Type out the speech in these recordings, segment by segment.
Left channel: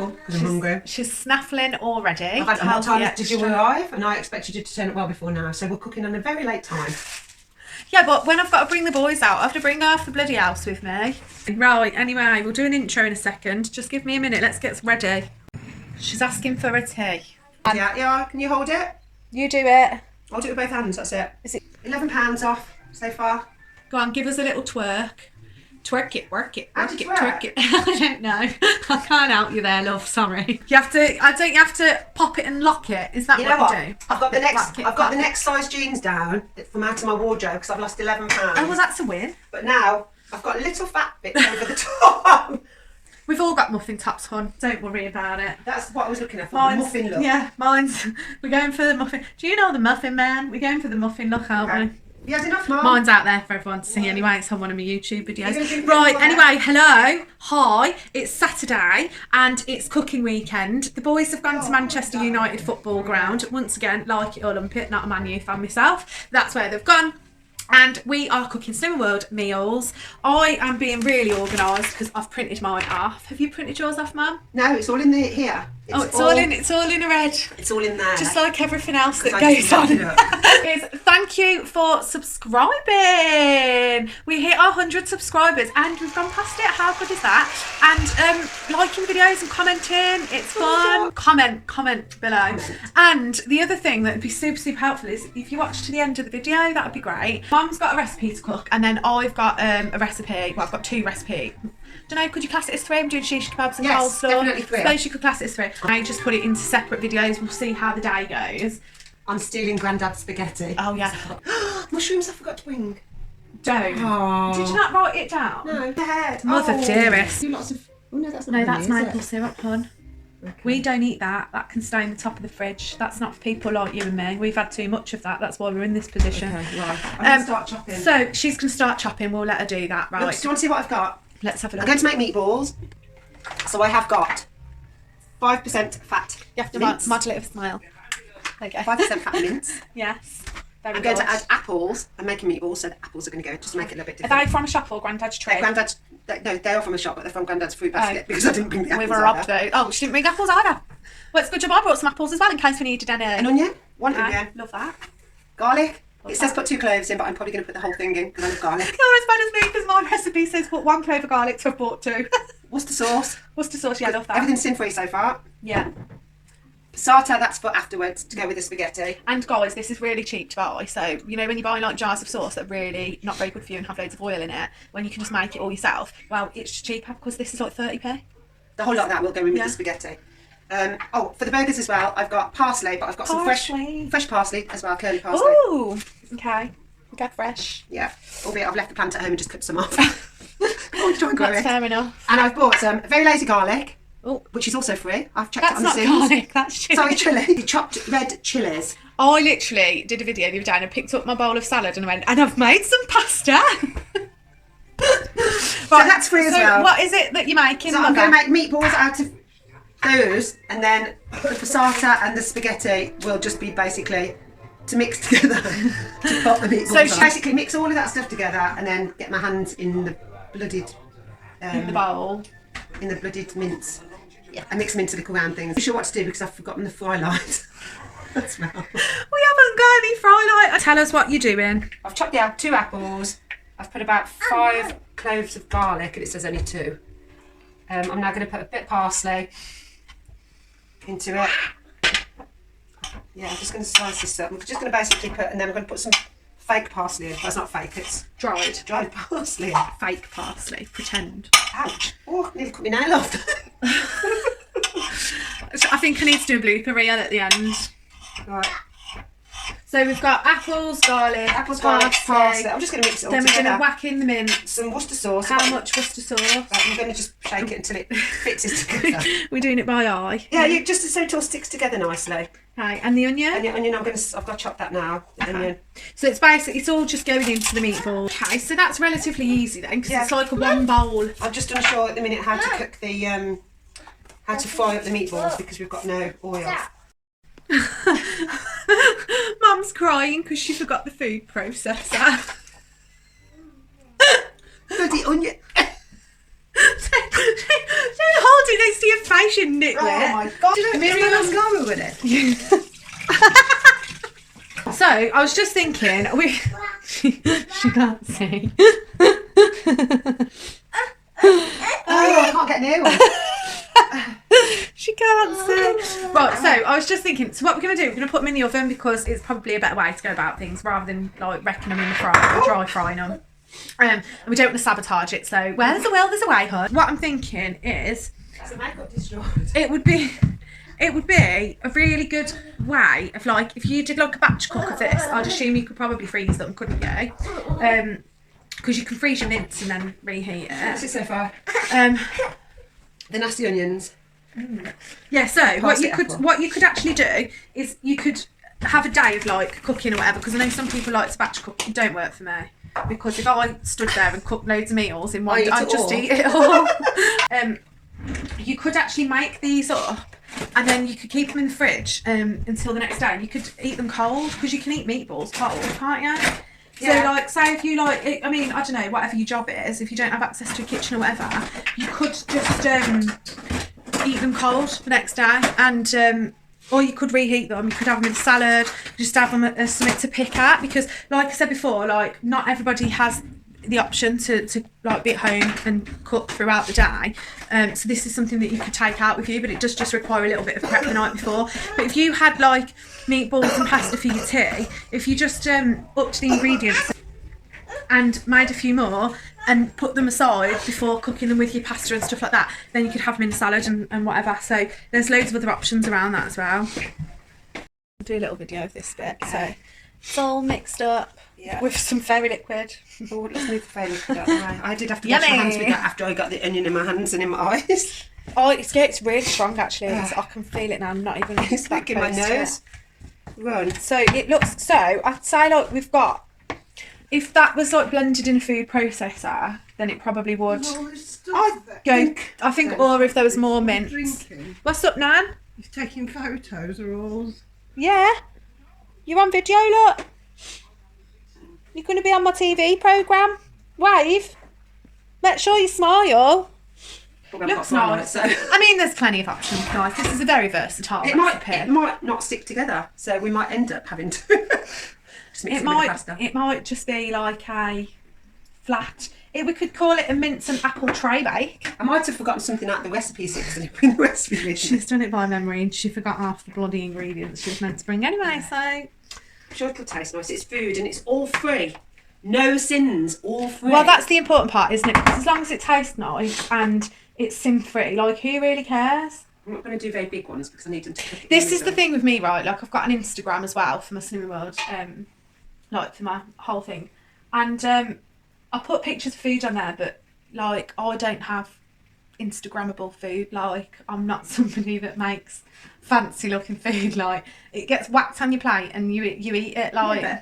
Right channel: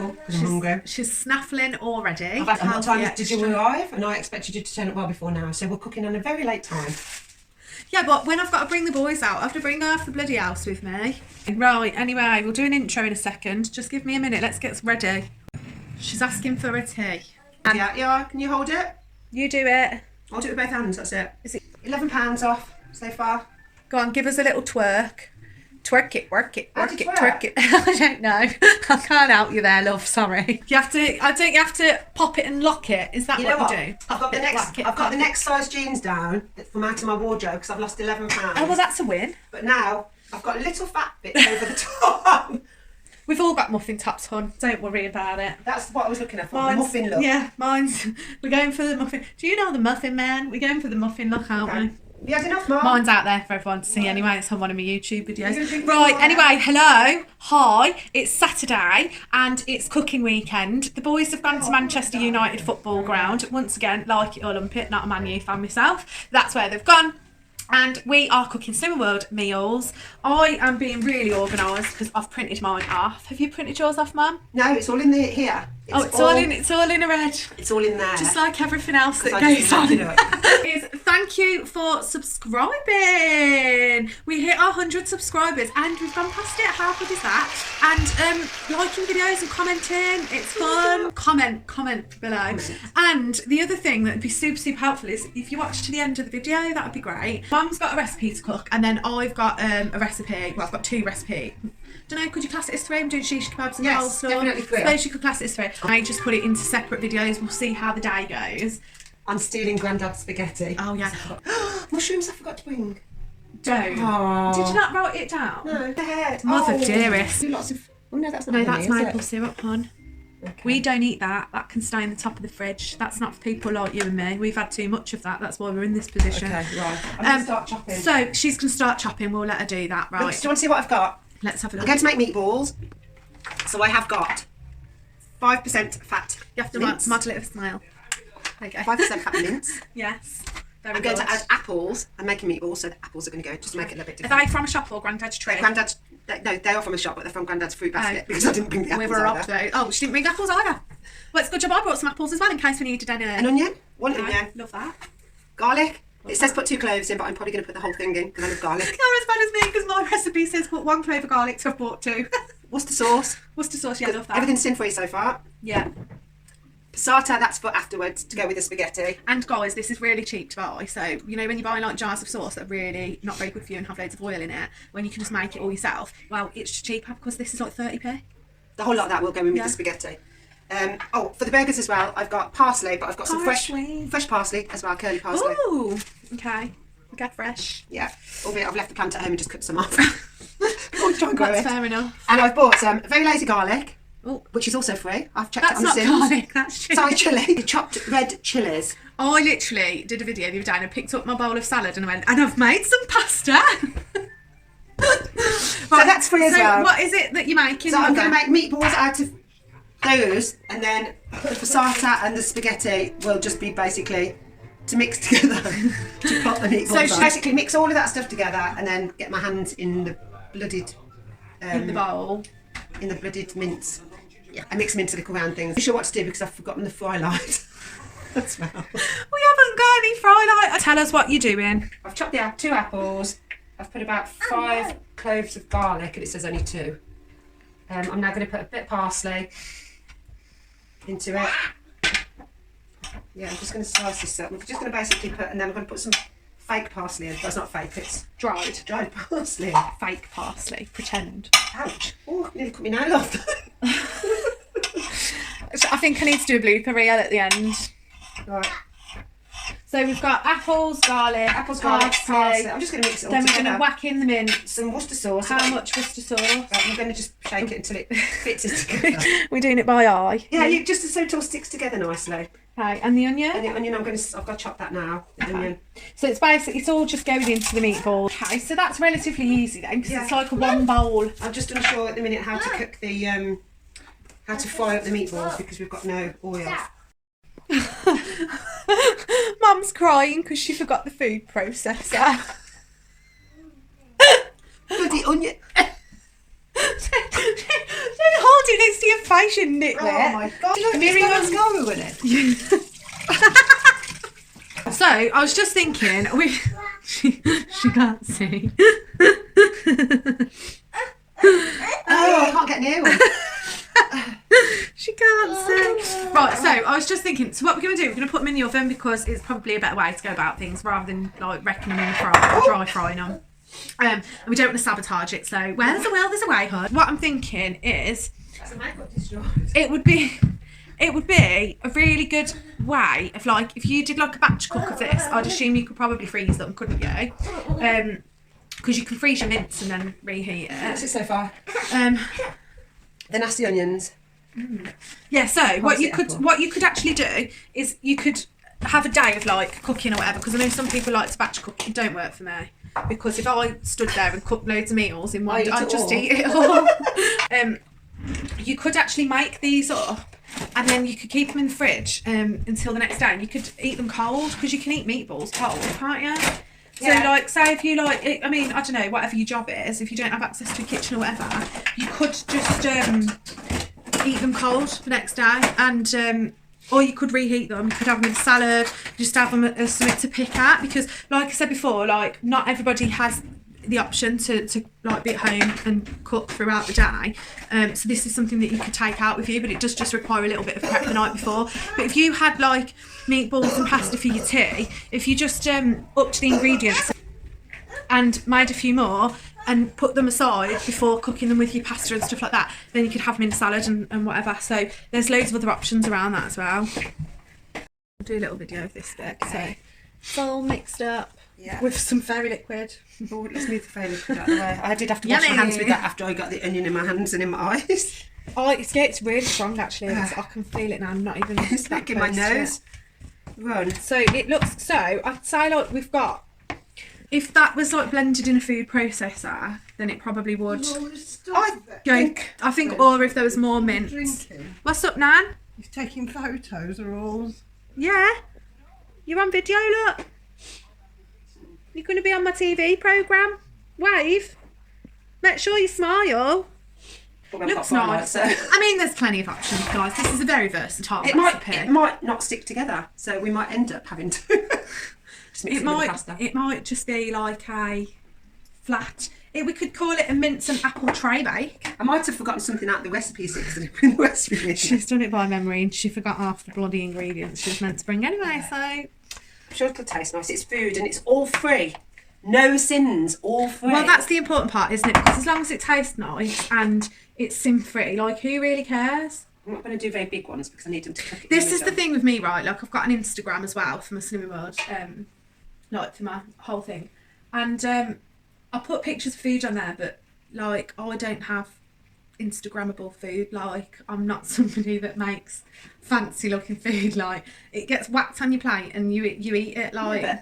apple because I'm hungry. She's snaffling already. What time did you arrive? And I expected you to turn up well before now, so we're cooking on a very late time. Yeah, but when I've got to bring the boys out, I have to bring half the bloody house with me. Right, anyway, we'll do an intro in a second. Just give me a minute, let's get ready. She's asking for a tea. Yeah, can you hold it? You do it. I'll do it with both hands, that's it. Is it £11 off so far. Go on, give us a little twerk. Twerk it, work it, How work do it, you twerk it. I don't know. I can't help you there, love, sorry. I think you have to pop it and lock it. Is that You know what what? you do? I've got the next size jeans down from out of my wardrobe because I've lost £11. Oh, well, that's a win. But now I've got little fat bits over the top. We've all got muffin tops, hon. Don't worry about it. That's what I was looking at, for the muffin look. Yeah, mine's. We're going for the muffin. Do you know the muffin man? We're going for the muffin look, aren't we? You had enough, Mum? Mine's out there for everyone to see anyway. It's on one of my YouTube videos. Right, anyway, hello. Hi. It's Saturday and it's cooking weekend. The boys have gone to Manchester United football ground. Once again, like it or lump it, not a Man U fan myself. That's where they've gone. And we are cooking Summer World meals. I am being really organised because I've printed mine off. Have you printed yours off, Mum? No, it's all in here. It's all in a red. It's all in there. Just like everything else that goes on. Thank you for subscribing. We hit our 100 subscribers and we've gone past it. How good is that? And liking videos and commenting. It's fun. Comment below. And the other thing that would be super helpful is if you watch to the end of the video, that would be great. Mum's got a recipe to cook and then I've got a recipe. Well, I've got two recipes. Don't know, could you class it as 3? I'm doing shish kebabs and coleslaw. Definitely 3. Suppose you could class it as 3. I just put it into separate videos. We'll see how the day goes. I'm stealing Grandad's spaghetti. Oh yeah. Mushrooms I forgot to bring. Don't. Aww. Did you not write it down? No. The head. Mother dearest. Do lots of... Oh no, that's not No, that's honey, maple syrup, hon. Okay. We don't eat that. That can stay in the top of the fridge. That's not for people like you and me. We've had too much of that. That's why we're in this position. Okay, right. I'm going to start chopping. So she's going to start chopping. We'll let her do that, right? Look, do you want to see what I've got? Let's have a look. I'm going to make meatballs. So I have got 5% fat You have to mince. model it with a smile. There you go. 5% fat mince. Yes. Very I'm going good. to add apples. I'm making meatballs, so the apples are going to go just to make it a little bit Are different. they from a shop or Grandad's tree? Grandad's, no, they are from a shop, but they're from Grandad's fruit basket because I didn't bring the apples. We were robbed though. Oh, she didn't bring apples either. Well, it's a good job I brought some apples as well in case we needed any. An onion, one onion, Love that. garlic. It says put 2 cloves in, but I'm probably going to put the whole thing in because I love garlic. You're as bad as me because my recipe says put 1 clove of garlic, so I've bought 2. Worcester sauce. Worcester sauce, yeah, love that. Everything's sin free so far. Yeah. Passata, that's for afterwards to go with the spaghetti. And guys, this is really cheap to buy. So, you know, when you buy like jars of sauce that are really not very good for you and have loads of oil in it, when you can just make it all yourself, well, it's cheaper because this is like 30p. The whole lot of that will go in with the spaghetti. For the burgers as well, I've got parsley, but I've got some fresh parsley as well, curly parsley. Ooh, okay. Get fresh. Yeah, albeit I've left the plant at home and just cut some off. I'll try and grow That's it. fair enough. And I've bought some very lazy garlic, Oh, which is also free. I've checked that's it on not Sims. garlic, that's chili. Sorry, chilli. Chopped red chilies. I literally did a video the other day and I picked up my bowl of salad and I went, and I've made some pasta. So that's free as well. What is it that you're making? So I'm going to make meatballs out of those, and then the passata and the spaghetti will just be basically to mix together to pop the meatballs So on. Basically mix all of that stuff together and then get my hands in the bloodied... in the bowl. In the bloodied mince. Yeah, I mix them into little round things. I'm sure what to do because I've forgotten the frylight. That's well. We haven't got any frylight. Tell us what you're doing. I've chopped 2 apples. I've put about 5 cloves of garlic, and it says only 2. I'm now going to put a bit of parsley into it. Yeah, I'm just going to slice this up. I'm just going to basically put, and then I'm going to put some fake parsley in. That's not fake, it's dried parsley in. Fake parsley. Pretend. Ouch. Oh, nearly cut me nail off. I think I need to do a blooper reel at the end. Right. So we've got apples, garlic, garlic, parsley. I'm just going to mix it all then together. we're going to whack in the mince. Some Worcester sauce. How much Worcester sauce? Right, I'm going to just shake it until it fits it together. We're doing it by eye. Yeah, you just so it all sticks together nicely. Okay, and the onion? And the onion, I've got to chop that now. The onion. So it's basically, it's all just going into the meatball. Okay, so that's relatively easy then, because it's like a 1 bowl. I'm just unsure at the minute how to cook the, how to fry up the meatballs because we've got no oil. Mum's crying because she forgot the food processor. Bloody onion. Don't hold do this to your face, you nitwit. Oh my god. Do you know Miriam- mascara with it? So I was just thinking, she can't see. Oh, I can't get near one. She can't see. Right, so I was just thinking, so what we're going to do, we're going to put them in the oven because it's probably a better way to go about things rather than like wrecking them in the fryer or dry frying them. And we don't want to sabotage it, so where there's a will, there's a way, hun. What I'm thinking is, It's a makeup destroyed. it would be a really good way of like, if you did like a batch cook of this, I'd assume you could probably freeze them, couldn't you? Because you can freeze your mince and then reheat What's it. it so far? The nasty onions. Yeah, so what Parsley you could actually do is you could have a day of like cooking or whatever, because I know some people like to batch cook. It don't work for me, because if I stood there and cooked loads of meals in one day, I'd just eat it all. You could actually make these up and then you could keep them in the fridge until the next day, and you could eat them cold, because you can eat meatballs cold, can't you? So like, say if you like, I mean, I don't know, whatever your job is, if you don't have access to a kitchen or whatever, you could just eat them cold the next day, and or you could reheat them. You could have them in a salad, just have them as something to pick at, because like I said before, like not everybody has the option to like be at home and cook throughout the day, so this is something that you could take out with you, but it does just require a little bit of prep the night before. But if you had like meatballs and pasta for your tea, if you just upped the ingredients and made a few more and put them aside before cooking them with your pasta and stuff like that, then you could have them in a salad and whatever. So there's loads of other options around that as well. I'll do a little video of this bit. So it's all mixed up with some fairy liquid. Oh, let's move the fairy liquid out of the way. I did have to wash my hands with that after I got the onion in my hands and in my eyes. Oh, it's really strong actually. I can feel it now. I'm not even It's back in my nose. Run. So it looks, so I'd say like we've got, if that was like blended in a food processor, then it probably would go, I think, or if there was more mince. Drinking. What's up, Nan? He's taking photos or all. Yeah. You're on video, look. You're going to be on my TV programme. Wave. Make sure you smile. Looks nice. So. I mean, there's plenty of options, guys. This is a very versatile recipe. It might not stick together, so we might end up having to just mix it with the pasta. It might just be like a flat. We could call it a mince and apple tray bake. I might have forgotten something out of the recipe because I didn't bring the recipe with me. She's done it by memory and she forgot half the bloody ingredients she was meant to bring anyway, so. I'm sure it'll taste nice. It's food and it's all free. No sins, all free. Well, that's the important part, isn't it? Because as long as it tastes nice and it's sin-free, like, who really cares? I'm not going to do very big ones because I need them to cook it. This is the thing with me, right? Like, I've got an Instagram as well for my Slimming World, like, for my whole thing. And I put pictures of food on there, but, like, I don't have Instagrammable food. Like, I'm not somebody that makes fancy-looking food. Like, it gets whacked on your plate and you eat it, like... Yeah,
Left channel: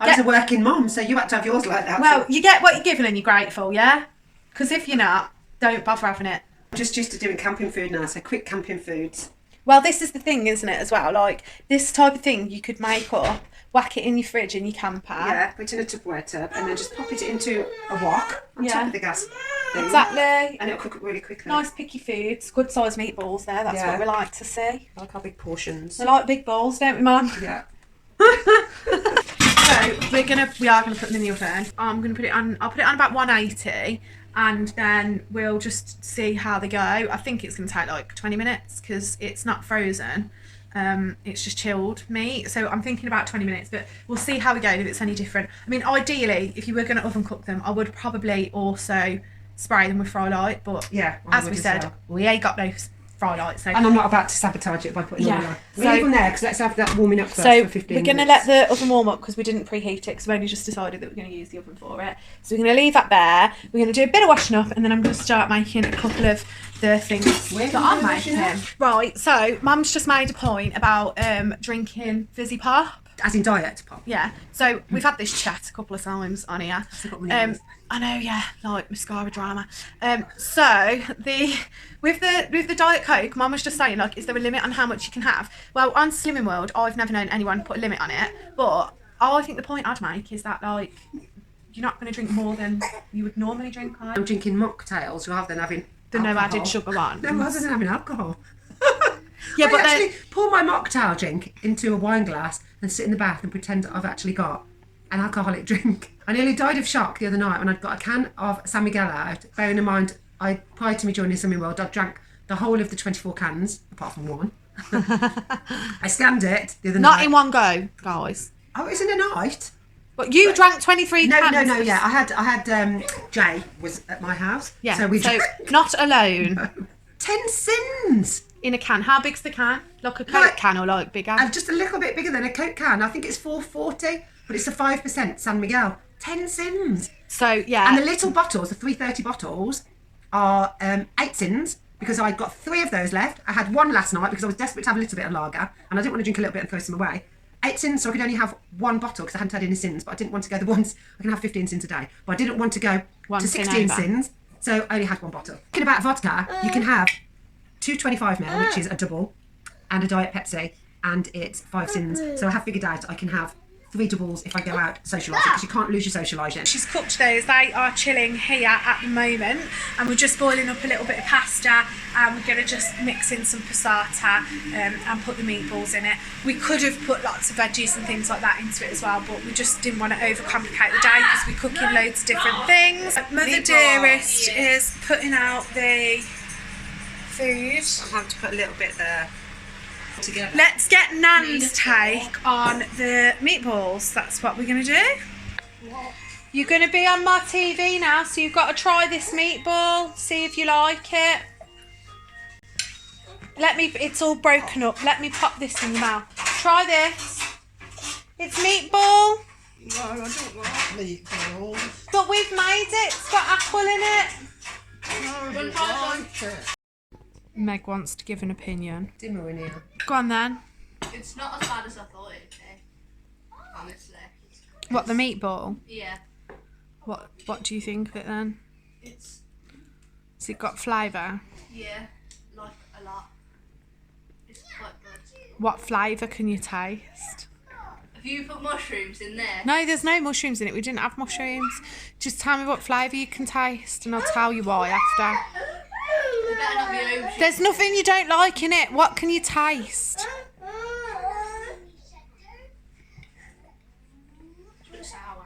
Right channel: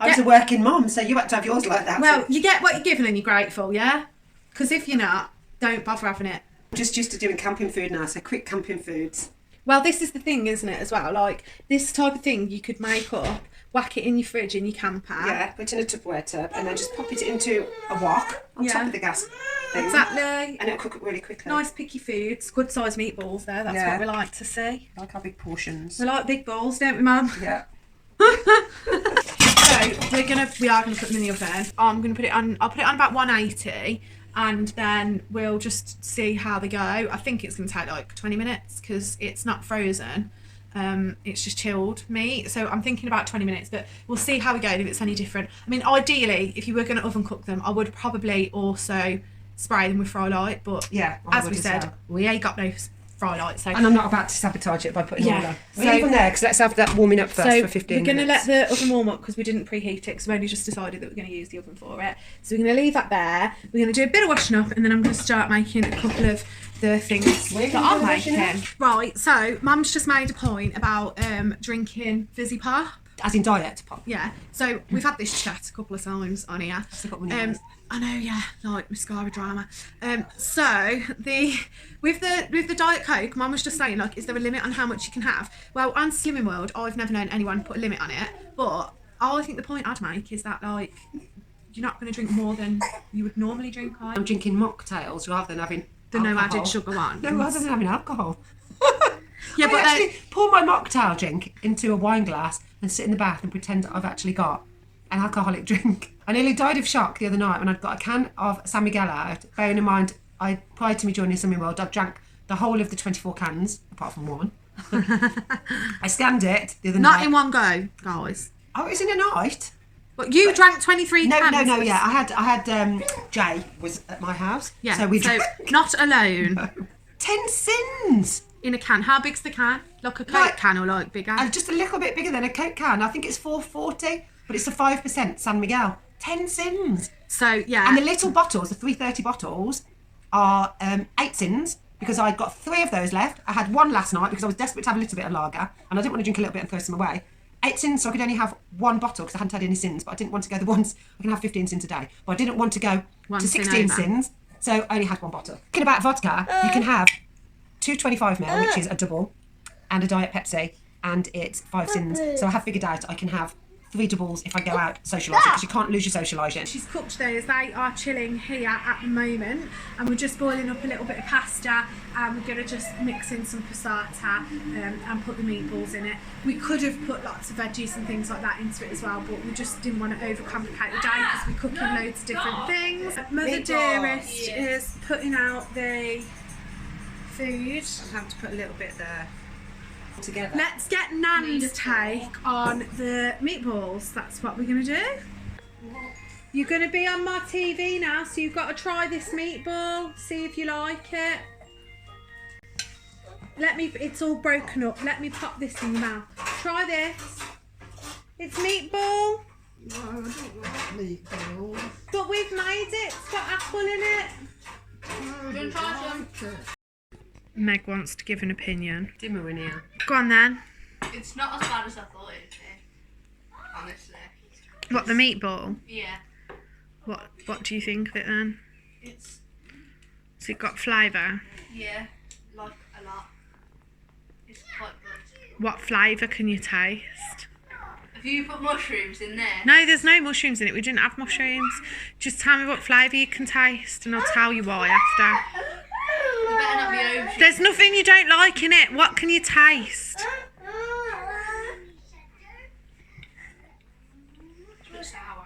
I was a working mum, so you had to have yours like that. Well, you get what you're given and you're grateful, yeah? Because if you're not, don't bother having it. I'm just used to doing camping food now, so quick camping foods. Well, this is the thing, isn't it, as well? Like, this type of thing you could make up, whack it in your fridge in your camper. Yeah, put it in a Tupperware tub and then just pop it into a wok on top of the gas thing. Exactly. And it'll cook it really quickly. Nice picky foods, good sized meatballs there, that's what we like to see. I like our big portions. We like big bowls, don't we, Mum? Yeah. So we are gonna put them in the oven. I'll put it on about 180 and then we'll just see how they go. I think it's gonna take like 20 minutes because it's not frozen. It's just chilled meat, so I'm thinking about 20 minutes, but we'll see how we go, if it's any different. I mean, ideally, if you were going to oven cook them, I would probably also spray them with frylight, but yeah, as we said, we ain't got no frylight, so... And I'm not about to sabotage it by putting them on. So, leave them there, because let's have that warming up first for 15 minutes. We're going to let the oven warm up because we didn't preheat it, because we only just decided that we're going to use the oven for it. So we're going to leave that there, we're going to do a bit of washing up, and then I'm going to start making a couple of the things that I'm making. Right, so Mum's just made a point about drinking fizzy pop. As in diet pop? Yeah, so we've had this chat a couple of times on here. I know, yeah, like mascara drama. So with the Diet Coke, Mum was just saying, like, is there a limit on how much you can have? Well, on Slimming World, I've never known anyone put a limit on it, but I think the point I'd make is that, like, you're not going to drink more than you would normally drink. I'm drinking mocktails rather than having The no alcohol. added sugar one. No, rather than having alcohol. Yeah, I but then actually pour my mocktail drink into a wine glass and sit in the bath and pretend I've actually got an alcoholic drink. I nearly died of shock the other night when I'd got a can of San Miguel out. Bearing in mind, prior to me joining Swimming World, I've drank the whole of the 24 cans, apart from one. I scanned it the other night. not in one go, guys. Oh, it was in a night. But you drank 23 No, cans. no, yeah. I had Jay was at my house. Yeah, So we so drank not alone. 10 sins. In a can. How big's the can? Like a Coke Like- can or like bigger? Just a little bit bigger than a Coke can. I think it's 440, but it's a 5% San Miguel. 10 sins. So, yeah. And the little bottles, the 330 bottles, are 8 sins because I got 3 of those left. I had one last night because I was desperate to have a little bit of lager and I didn't want to drink a little bit and throw some away. 8 sins, so I could only have one bottle because I hadn't had any sins, but I didn't want to go the ones. I can have 15 sins a day, but I didn't want to go One to sin 16 over. sins, so I only had one bottle. Talking about vodka, you can have 2 25ml, which is a double, and a Diet Pepsi, and it's 5 sins. So I have figured out I can have 3 doubles if I go out socialising, because you can't lose your socialising. She's cooked those. They are chilling here at the moment, and we're just boiling up a little bit of pasta, and we're going to just mix in some passata and put the meatballs in it. We could have put lots of veggies and things like that into it as well, but we just didn't want to overcomplicate the day because we're cooking loads of different things. Mother Dearest is putting out the food. I'll have to put a little bit there together. Let's get Nan's take on the meatballs. That's what we're going to do. You're going to be on my TV now, so you've got to try this meatball, see if you like it. It's all broken up. Let me pop this in your mouth. Try this. It's meatball, No, I don't like meatballs. but we've made it. It's got apple in it. No, I don't like it. Meg wants to give an opinion. Dimmer in here. Go on then. It's not as bad as I thought it'd be, honestly. What, the meatball? Yeah, What do you think of it then? it's, Has it got flavour? yeah, like a lot. It's quite good. What flavour can you taste? Have you put mushrooms in there? No, there's no mushrooms in it. We didn't have mushrooms. Just tell me what flavour you can taste and I'll tell you why after. There better not be ocean. There's nothing you don't like in it. What can you taste? Sour.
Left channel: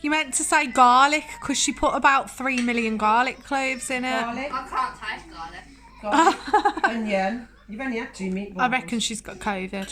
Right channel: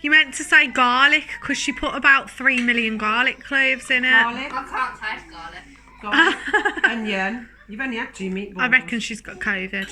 You meant to say garlic because she put about 3 million garlic cloves in it. Garlic, I can't taste garlic. onion. You've only had 2 meatballs. I reckon she's got COVID.